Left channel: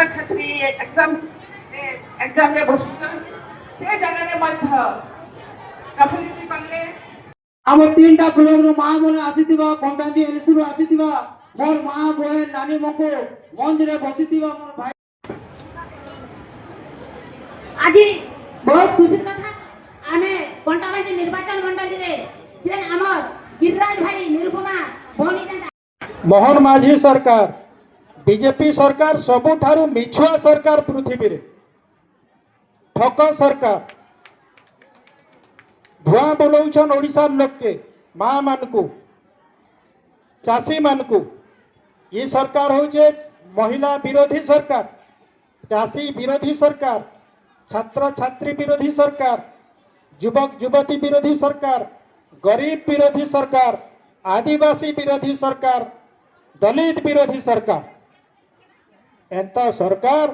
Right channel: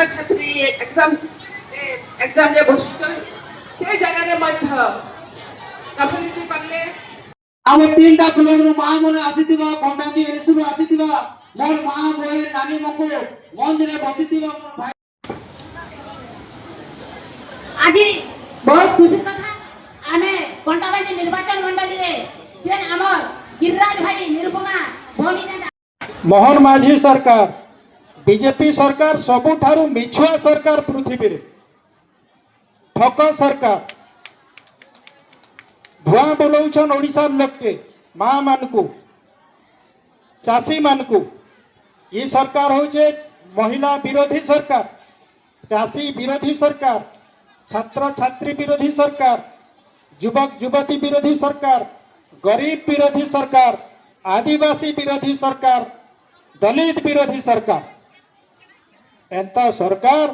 छात्र छात्री एग्जाम रे बसछन से जगह रे मध्य गफलिति पल्ले आम तीनटा ब्लॉक रो मां मने आसीतिबा पंडाजी एसुरो आसीतिबा मोर मां बहन नानी मको मंच रे बसितिबा मोर भाई आज बहुत खुशी कथा आमे पंडाबाजी निर्वाचन मंडली रे जे हमर गिरिराज भाई निरुपमा बोनी मोहन माझी सरकार बीजेपी सरकार सबुठारु मिछुआ सरकार पृथ्वी रे ठक सरकार धुआं बोलौछन ओडिशा लोक के मां मानकू चाषी मानकू ये सरकार होचे महिला विरोधी सरकार चाषी विरोधी सरकार छात्र छात्री विरोधी सरकार युवक युवती विरोधी सरकार गरीब विरोधी सरकार आदिवासी विरोधी सरकार दलित विरोधी सरकार एंता सरकार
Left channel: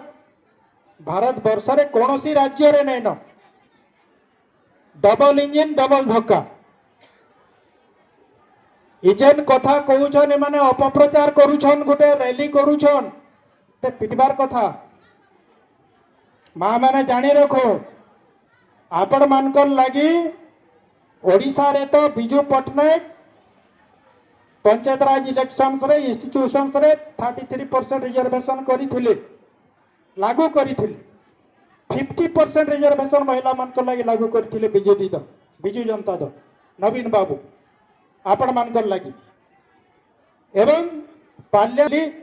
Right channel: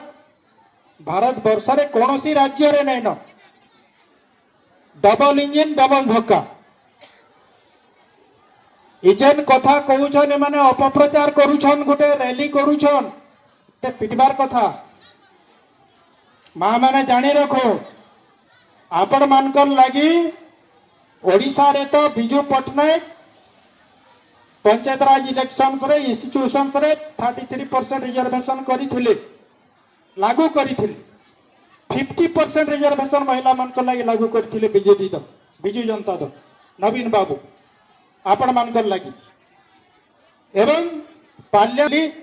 भारत वर्ष रे कोनोसी राज्य रे नहीं न डबल इंजिन डबल धक्का इजेन कथा कहूछन ए माने अपप्रचार करूछन गोटे रैली करूछन ते पिटबार कथा मां माने जानी रखो आपण मानकर लगी ओडिशा रे तो बिजू पटनायक पंचायत राज इलेक्शंस रे इंस्टीट्यूशंस रे 33% रिजर्वेशन करिथिले लागू करिथिले 50% रिजर्वेशन महिला मानकर लगी लागू करिथिले बिजू जनता दल नवीन बाबू आपण मानकर लगी एवं पार्लियामेंट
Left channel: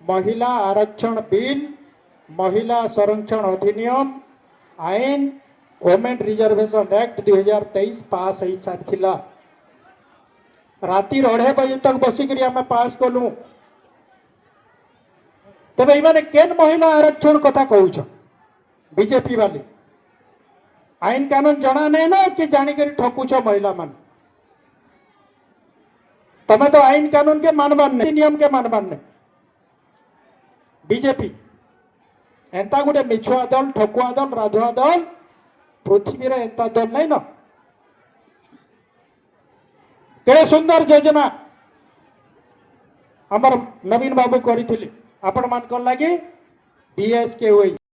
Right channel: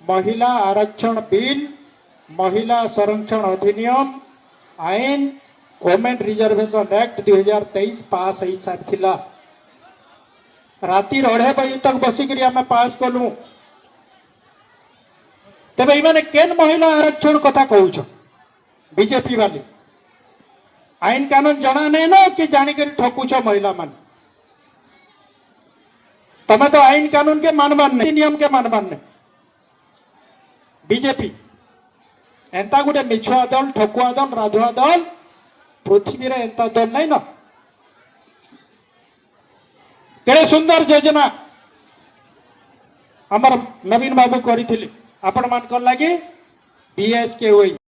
महिला आरक्षण बिल महिला संरक्षण अधिनियम आईन वुमेन रिजर्वेशन एक्ट 2023 पास हो सारी राति 2:30 बजे तक बसिक आम पास कलु तेज ये केन महिला आरक्षण कथा कहूछ बीजेपी वाले आईन कानून जना नहीं ना कि जानिक ठकुछ महिला मान तमें तो आईन कानून के मानबार नहीं नियम के मानबार नहीं बीजेपी एंता गोटे मिछुआ दल ठकुआ दल राधुआ दल पृथ्वी रे एंता दल नहीं ना केड़े सुंदर योजना हमर नवीन बाबू करिथिले आपण मान कर लागी बीएसके होई